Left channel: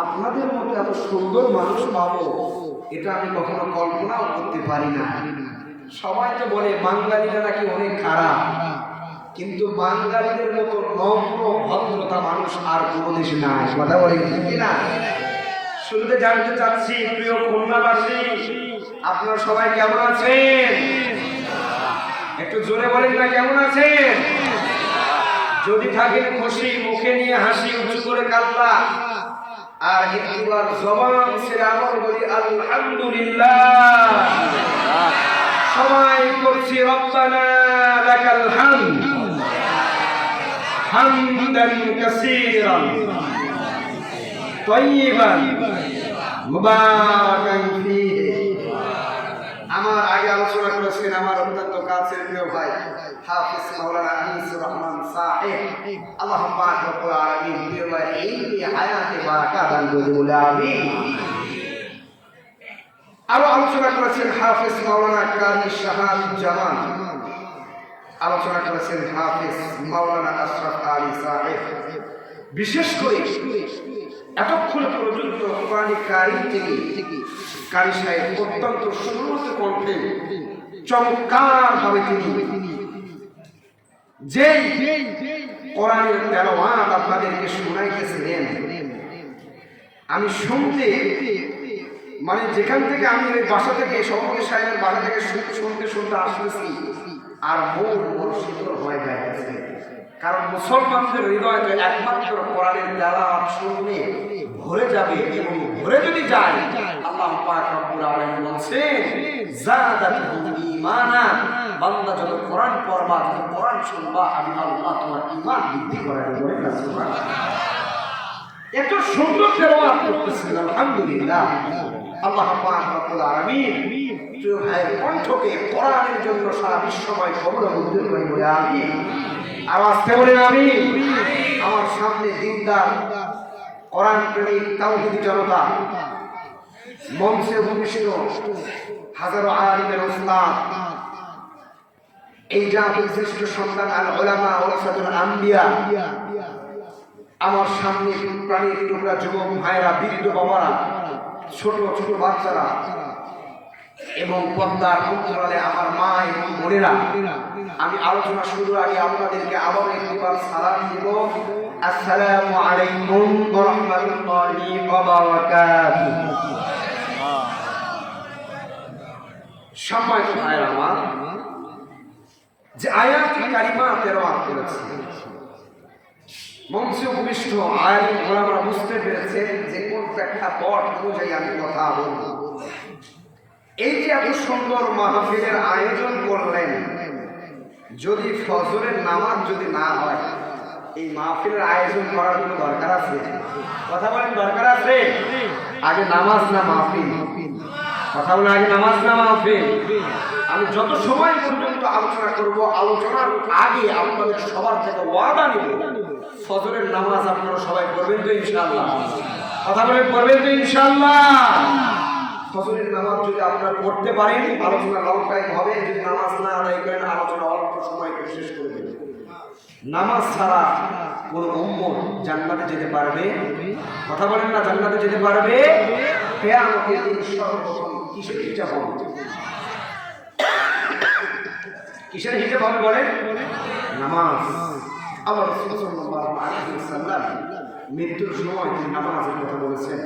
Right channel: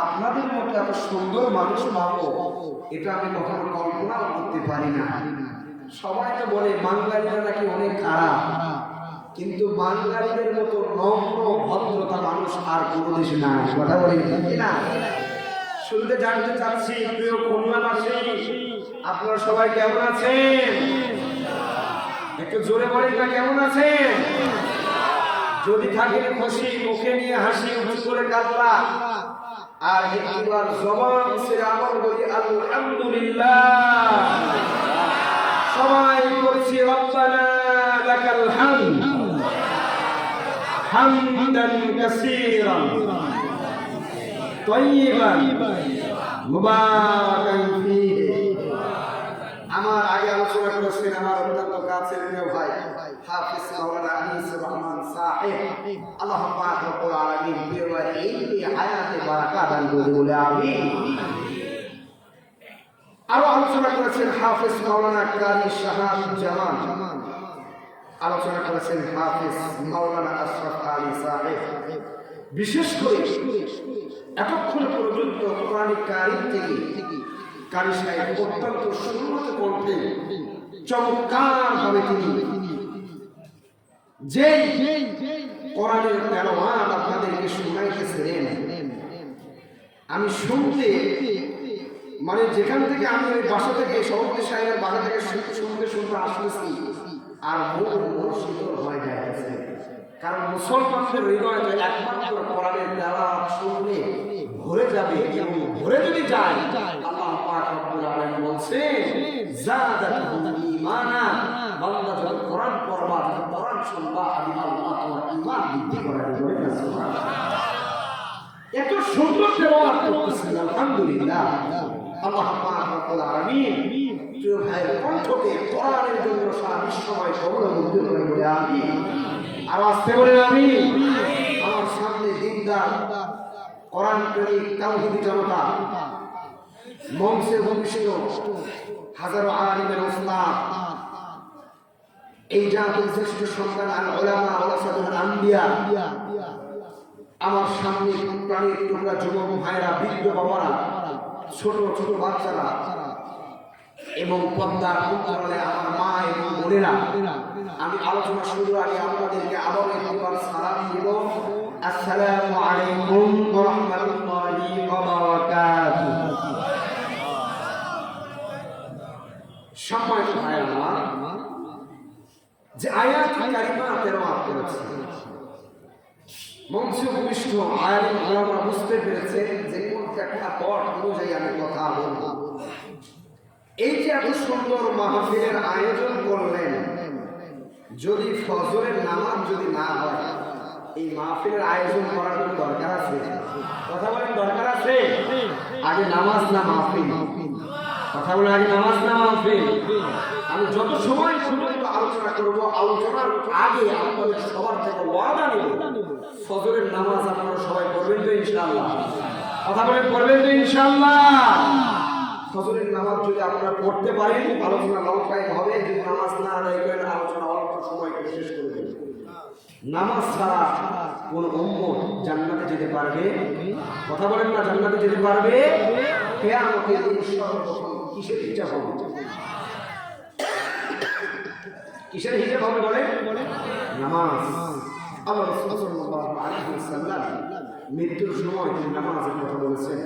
আপনাদের মতো এত সুন্দর মানুষ পাবো এটা আমি কখনো কল্পনাও করতে পারি না। সবাই তো বলে বাঙালিরা নাকি অনেক খারাপ, কিন্তু বাঙালিদের মতো নম্র ভদ্রতা মানুষ আর কোনো দেশে নাই। কথা বলে কি না? শুনতে জানতে চাচ্ছি, প্রিয় খুলনাবাসী, আপনারা সবাই কেমন আছেন? একটু জোরে বলেন না, কেমন আছেন? যদি থাকেন খুশি, মুখে নিয়ে হাসি, উঁচু করে কাল্লা, আর একবার জবান ছেড়ে আমল বলি আলহামদুলিল্লাহ। সবাই বলছি রব্বানা লাকাল হামদ হামদান কাসীরান তাইয়িবান মুবারাকান ফীহি। আমার আগে আলোচনা করেছেন আমার অত্যন্ত কাছের প্রিয় ভাই হাফিজ মাওলানা আনিসুর রহমান সাহেব, আল্লাহ পাক রব্বুল আলামিন প্রিয় ভাই এই হায়াতে বারাকা দান করে বলে আমিন। আরো আলোচনা করেছেন হাফিজ মাওলানা কারি শাহাদুজ্জামান, আলোচনা করেছেন হাফিজ মাওলানা আশরাফ আলী সাহেব। বিশেষ করে এতক্ষণ পর্যন্ত কোরআন কারীম থেকে কারি সাহেব অত্যন্ত সুন্দর কণ্ঠে চমৎকার ভাবে তিনি যে কোরআনের তেলাওয়াত আপনাদেরকে শুনাইতেছিলেন, আমি শুনতে মানে যেখান থেকে আমি ওই বাসা থেকে সভাপতি সাহেবের বাসা থেকে শুনতে শুনতে আসতেছি আর মন শীতল হয়ে যাইতেছে। কারণ মুসলমানদের হৃদয় একমাত্র কোরআনের তেলাওয়াত শুনলে ভরে যাবে, এবং ভরে যদি যায় আল্লাহ পাক রব্বুল আলামিন বলছেন যাদাতুহুম ঈমানা, বান্দা যত কোরআন পড়বা, যত কোরআন শুনবা, আমি আল্লাহ তোমার ঈমান বৃদ্ধি করে দেব। সুবহানাল্লাহ। এত সুন্দর তেলাওয়াত করতেছেন, আলহামদুলিল্লাহ। আল্লাহ পাক রব্বুল আলামিন প্রিয় ভাইয়ের কণ্ঠকে কোরআনের জন্য সারা বিশ্বময় কবুল করে বলে আমিন। আওয়াজ কে বলেন আমিন। আমার সামনে দিনদার কোরআন প্রেমিক তাওহীদি জনতা, মঞ্চে উপবিষ্ট হাজারো আলিমের ওস্তাদ, এই জাতির শ্রেষ্ঠ সন্তান আল উলামা ওয়ারাসাতুল আম্বিয়া, আমার সামনে প্রাণীর টুকরা যুবক ভাইরা, বৃদ্ধ বাবারা, ছোট ছোট বাচ্চারা, এবং পর্দার অন্তরালে আমার মা এবং বোনেরা, আমি আলোচনা শুরুর আগে আপনাদেরকে আবার একবার সালাম দিব। আসসালামু আলাইকুম ওয়া রাহমাতুল্লাহি ওয়া বারাকাতুহু। সম্মানিত ভাইরা আমার, যে আয়াতুল কারিমা তেলাওয়াত করেছে, মঞ্চে উপবিষ্ট আলেম ওলামারা বুঝতে পেরেছেন যে কোন প্রেক্ষাপট অনুযায়ী আমি কথা বলবো। এই যে এত সুন্দর মাহফিলের আয়োজন করলেন, যদি ফজরের নামাজ যদি না হয়, এই মাহফিলের আয়োজন করার কোনো দরকার আছে? কথা বলেন, দরকার আছে? আগে নামাজ না মাহফিল? কথা বলেন, আগে নামাজ না মাহফিল? আমি যত সময় পর্যন্ত আলোচনা করব, আলোচনার আগে আপনাদের সবার থেকে ওয়াদা নিব, ফজরের নামাজ আপনারা সবাই পড়বেন তো ইনশাআল্লাহ? কথা বলেন, পড়বেন তো ইনশাআল্লাহ? ফজরের নামাজ যদি আপনারা পড়তে পারেন, আলোচনা লং টাইম হবে। যদি নামাজ না আদায় করেন, আলোচনা অল্প সময় শেষ করে দেবেন। নামাজ ছাড়া কোন উম্মত জান্নাতে যেতে পারবে? কথা বলেন না, জান্নাতে যেতে পারবে? কিয়ামতের দিন সর্বপ্রথম কিসের হিসাব হবে? কিসের হিসাব হবে বলেন? নামাজ। আল্লাহ রাসূল সাল্লাল্লাহু আলাইহি ওয়াসাল্লাম মৃত্যুর সময় তিনি নামাজের কথা বলেছেন,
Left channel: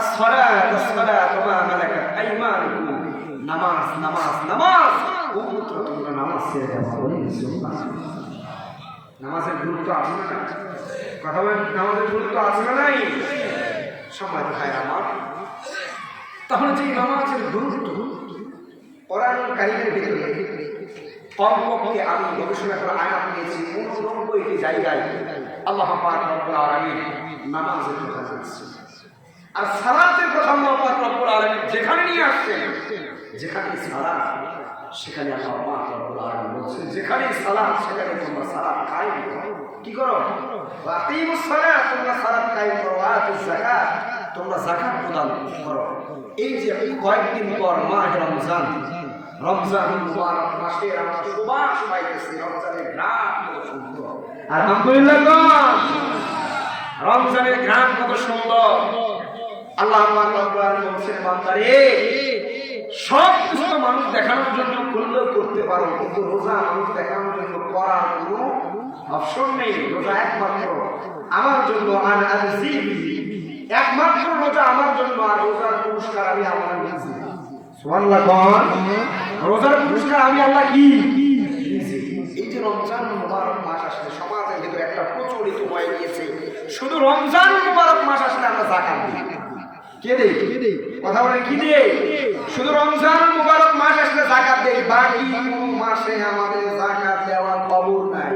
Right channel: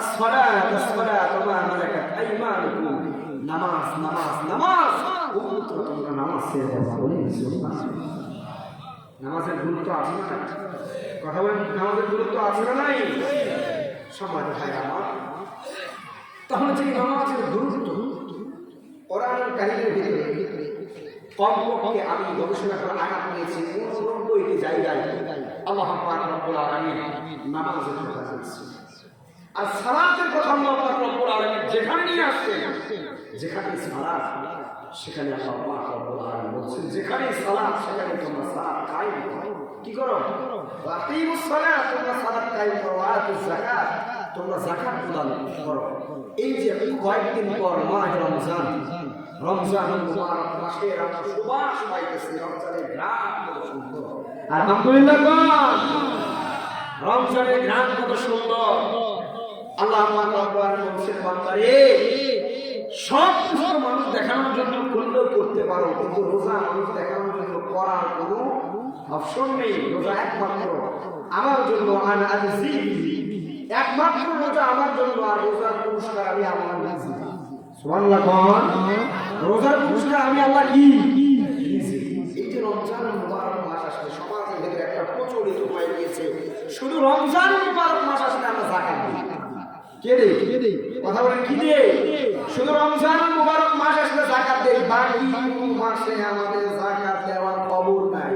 আসসালাতু আসসালাতু মা মালাকাত আইমানুকুম। নামাজ নামাজ নামাজ, উম্মত তোমরা নামাজ ছেড়ে দাও। বলেন সুবহানাল্লাহ। নামাজের গুরুত্ব আছে না? কথা বলেন, নামাজের গুরুত্ব আছে না নাই? সম্মানিত ভাইরা আমার, তাহলে যে নামাজের গুরুত্ব কোরআনুল কারীমের ভিতরে কমপক্ষে আমি গবেষণা করে আয়াত নিয়েছি 89টি জায়গায় আল্লাহ পাক রব্বুল আলামিন নামাজের কথা বলছেন। আর সালাতের কথা আল্লাহ পাক রব্বুল আলামিন যেখানে নিয়ে আসছেন, যেখানে সালাত সেখানে আল্লাহ পাক রব্বুল আলামিন বলছেন, যেখানে সালাত সেখানে তোমরা সালাত কায়েম করো। কি করো? আকিমুস সালাত, তোমরা সালাত কায়েম করো। আতুজ যাকাত, তোমরা যাকাত প্রদান করো। এই যে কয়েকদিন পর মাহে রমজান, রমজানুল মুবারক মাসে আমরা সুবাস পাইতেছি, রমজানের ঘ্রাণ কত সুন্দর। আলহামদুলিল্লাহ, রমজানের ঘ্রাণ কত সুন্দর। আল্লাহ পাক বলছেন বান্দারে সব কিছু মানুষ দেখানোর জন্য করলেও করতে পারো, কিন্তু রোজা মানুষ দেখানোর জন্য করার কোনো অপশন নেই। রোজা একমাত্র আমার জন্য, আর একমাত্র রোজা আমার জন্য, আর রোজার পুরস্কার আমি আল্লাহ নিজে। সুবহানাল্লাহ কোন রোজার পুরস্কার আমি আল্লাহ কি নিজে। এই যে রমজান মুবারক মাস আসলে সমাজের ভিতরে একটা প্রচলিত হয়ে গিয়েছে, শুধু রমজান মুবারক মাস আসলে আমরা যাকাত দিই। কে দেই? কথা বলেন কি দিয়ে? শুধু রমজান মুবারক মাস আসলে যাকাত দেই, বাকি কোন মাসে আমাদের যাকাত দেওয়ার খবর নাই।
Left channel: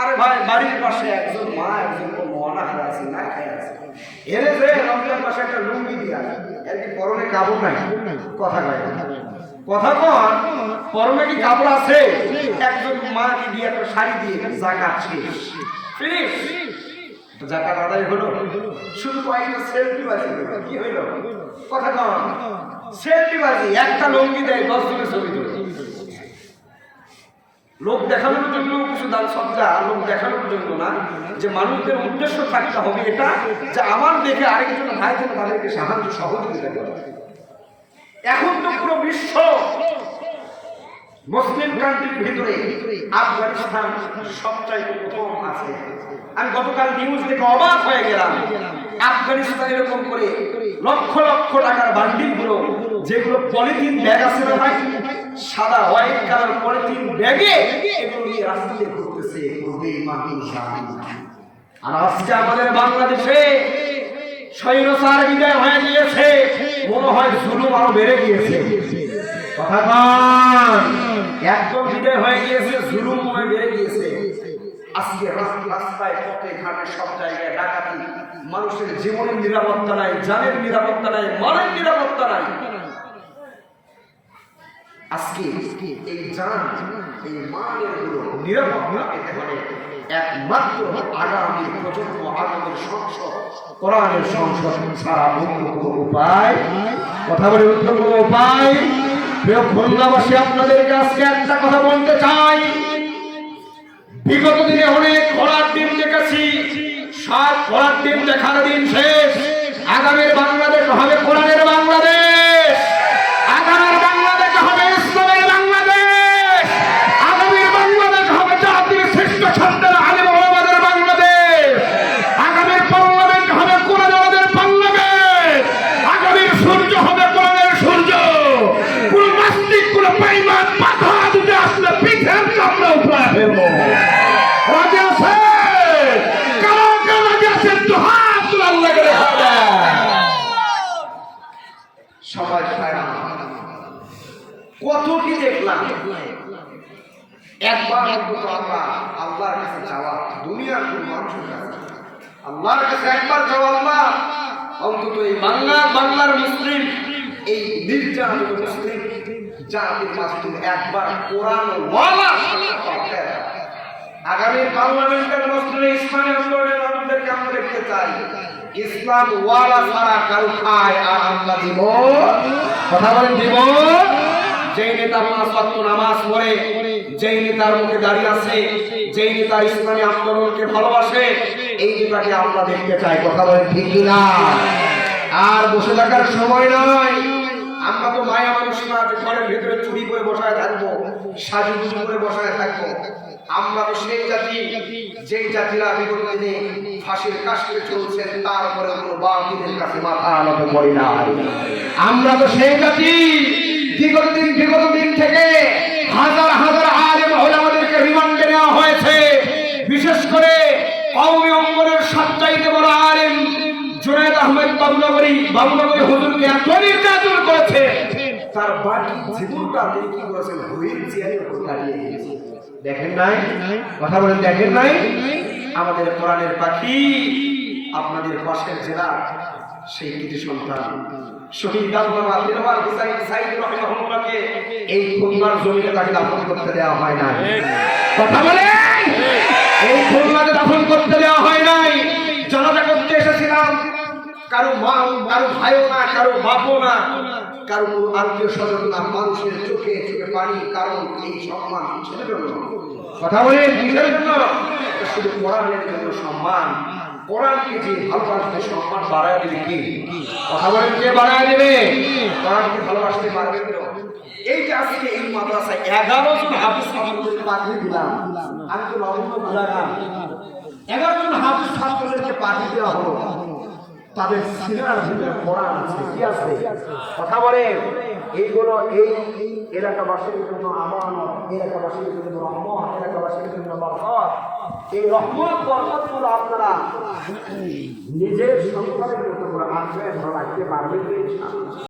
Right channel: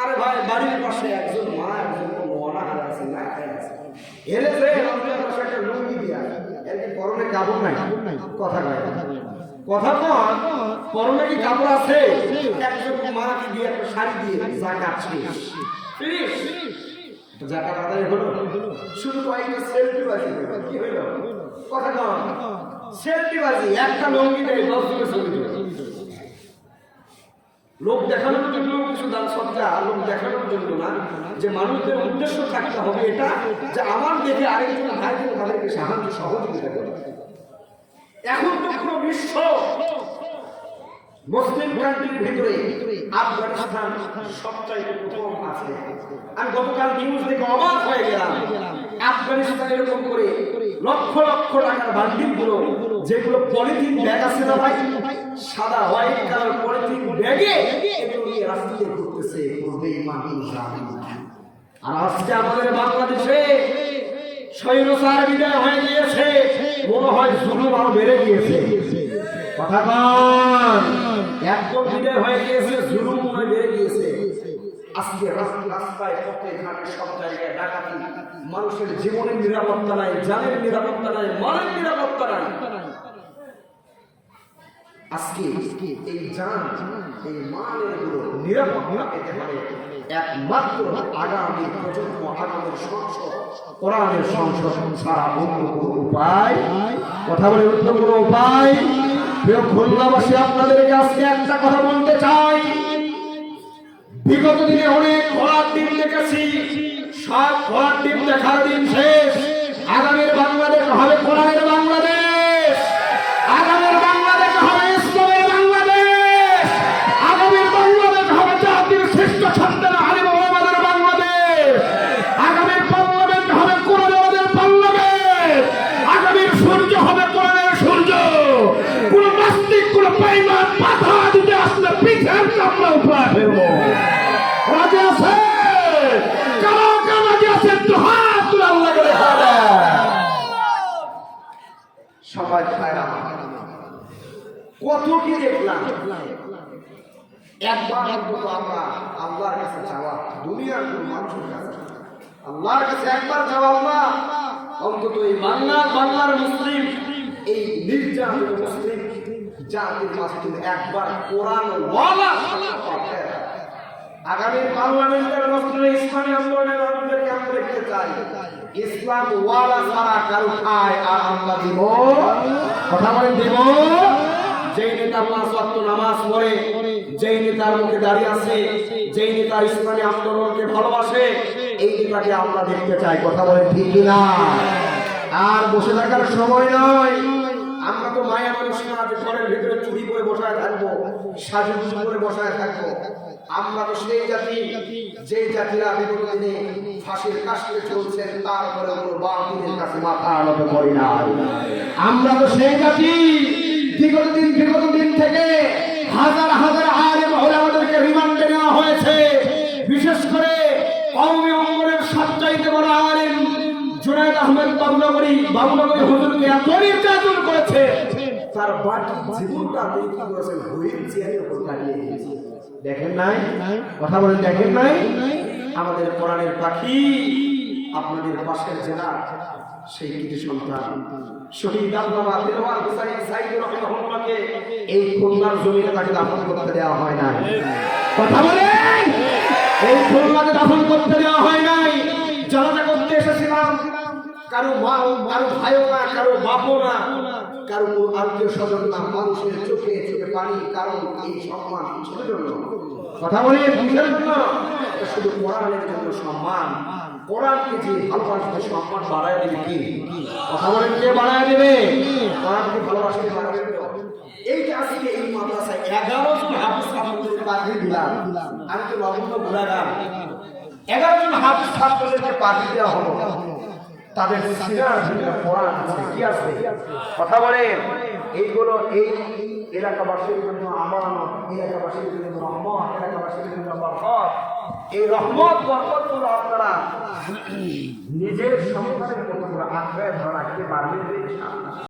আরে ভাই, বাড়ির পাশে একজন মা একজন অনাহার আছে, না খাই আছে, এনে যে রমজান মাসে একটা লুঙ্গি দিয়া এর কি পরনে কাপড় নাই? কথা কয় কথা কন, পরনে কি কাপড় আছে? একজন মা কি দিয়ে একটা শাড়ি দিয়ে যাকাত শেষ, ফিনিশ। যাকাত আদায় হলো, শুধু কয়েকটা সেলফি বাজি হলো। কি হইল? কথা কন, সেলফি বাজি। একটা লুঙ্গি দেয় 10 জনের ছবি তোলে। লোক দেখানোর জন্য কিছু দান সজ্জা, লোক দেখানোর জন্য না, যে মানুষদের উদ্দেশ্য থাকতে হবে এটা, যে আমার দেখে আরেকজন ভাই যেন তাদেরকে সাহায্য সহযোগিতা করে। এখন তো পুরো বিশ্ব মুসলিম কান্ট্রির ভিতরে আফগানিস্তান সবচাইতে প্রথম আছে। আমি গতকাল নিউজ দেখে অবাক হয়ে গেলাম। আফগানিস্তান এরকম করে লক্ষ লক্ষ টাকার বান্ডিল গুলো, যেগুলো পলিথিন ব্যাগ আছে না ভাই, সাদা হোয়াইট কালার পলিথিন ব্যাগে, এগুলো নিয়ে রাস্তাতে ঘুরতেছে। আর আজকে আমাদের বাংলাদেশে স্বৈরাচার বিদায় হয়ে গিয়েছে, মনে হয় জুলুম আরো বেড়ে গিয়েছে। কথা কন, একদম বিদায় হয়ে গিয়েছে, জুলুম হয়ে বেড়ে গিয়েছে। আজকে রাস্তায় পথে ঘাটে সব জায়গায় ডাকাতি, মানুষের জীবনের নিরাপত্তা নাই, জানের নিরাপত্তা নাই, মালের নিরাপত্তা নাই। আজকে এই জান, এই মালের নিরাপত্তা পেতে হলে একমাত্র আগামী প্রজন্ম, আগামীর সংসদ, কোরআনের সংসদ ছাড়া অন্য কোনো উপায়, কথা বলে অন্য কোনো উপায়। প্রিয় খুলনাবাসী, আপনাদেরকে আজকে একটা কথা বলতে চাই। বিগত দিনে অনেক ঘোড়ার দিন দেখেছি, সব ঘোড়ার দিন দেখার দিন শেষ। আগামীর বাংলাদেশ হবে কোরআনের বাংলাদেশ, আগামীর বাংলাদেশ হবে ইসলামের বাংলাদেশ, আগামীর বাংলাদেশ হবে জাতির শ্রেষ্ঠ ছাত্রের আলিম ওলামাদের বাংলাদেশ, আগামীর বাংলাদেশ হবে কোরআনের বাংলাদেশ, আগামীর সূর্য হবে কোরআনের সূর্য। কোন নাস্তিক, কোন বেঈমান বাধা দিতে আসলে পিঠের চামড়া উঠে ফেলবো। রাজা আছে, কারো রাজা আছে, তো হাত আল্লাহকে দেখা দেয়। সবাই কত কি দেখলাম। একবার অন্তত আমরা আল্লাহর কাছে যাওয়া, দুনিয়ার কোন মানুষের কাছে আল্লাহর কাছে একবার যাওয়া। আল্লাহ অন্তত এই বাংলার মুসলিম, এই নির্যাতিত মুসলিম জাতির মাঝে একবার কোরআন ওয়ালা সাথে আগামী পার্লামেন্টের মসজিদে ইসলামী আন্দোলনের মানুষদেরকে আমরা দেখতে চাই। ইসলাম ওয়ালা ছাড়া কারো খায় আর আমরা দিব, কথা বলেন দিব। যেই নেতা 5 ওয়াক্ত নামাজ পড়ে, যেই নেতার মুখে দাঁড়িয়ে আছে, যেই নেতা ইসলামী আন্দোলনকে ভালোবাসে, এই নেতাকে আমরা দেখতে চাই। কথা বলেন ঠিক কিনা? আর বসে থাকার সময় নয়। আমরা তো মায়া মানুষ না যে ঘরের ভিতরে চুরি করে বসায় থাকবো, সাজুগুজু করে বসায় থাকবো। আমরা তো সেই জাতি, যেই জাতিরা বিগত দিনে ফাঁসির কাস্টে চলছেন, তারপরে কোনো বাতিলের কাছে মাথা আনত করি না। আমরা তো সেই জাতি, বিগত দিন থেকে হাজার হাজার আলেম ওলামাদেরকে রিমান্ডে নেওয়া হয়েছে। বিশেষ করে কওমি অঙ্গনের সবচাইতে বড় আলেম জুনায়েদ আহমেদ বাবুনগরী হুজুরকে এত নির্যাতন করেছে, তার বাকি জীবনটা তিনি কি করেছেন, হুইল চেয়ারের উপর কাটিয়ে দিয়েছে। দেখেন নাই? কথা বলেন দেখেন নাই? আমাদের কোরআনের পাখি আপনাদের পাশের জেলার সেই কৃতি সন্তান শহীদ আল্লামা দিলওয়ার হুসাইন সাইদি রাহিমাহুল্লাহকে এই খুলনার জমিনে তাকে দাফন করতে দেওয়া হয় নাই। কথা বলেন, এই খুলনাতে দাফন করতে দেওয়া হয় নাই। জানাজা করতে এসেছিলাম, কারো মা, কারো ভাইও না, কারো বাপও না, কারো আত্মীয় স্বজন না, মানুষের চোখে চোখে পানি। কারণ এই সম্মান কিসের জন্য? কথা বলেন কিসের জন্য? শুধু কোরআনের জন্য সম্মান। কোরআনকে যে ভালোবাসবে সম্মান বাড়ায় দেবে কি? কথা বলেন, কে বাড়ায় দেবে? কোরআনকে ভালোবাসতে পারবে তো? এই যে আজকে এই মাদ্রাসায় 11 জন হাফেজ ছাত্রদেরকে পাঠিয়ে দিলাম, আমি তো নগণ্য গুণাগার। 11 জন হাফেজ ছাত্রদেরকে পাঠিয়ে দেওয়া হলো, তাদের সিনার ভিতরে কোরআন আছে, কি আছে? কথা বলেন, এইগুলো এই এলাকাবাসীর জন্য আমানত, এলাকাবাসীর জন্য রহমত, এলাকাবাসীর জন্য বরকত। এই রহমত বরকতগুলো আপনারা নিজের সন্তানের মতো করে আঁকড়ে ধরে রাখতে পারবেন।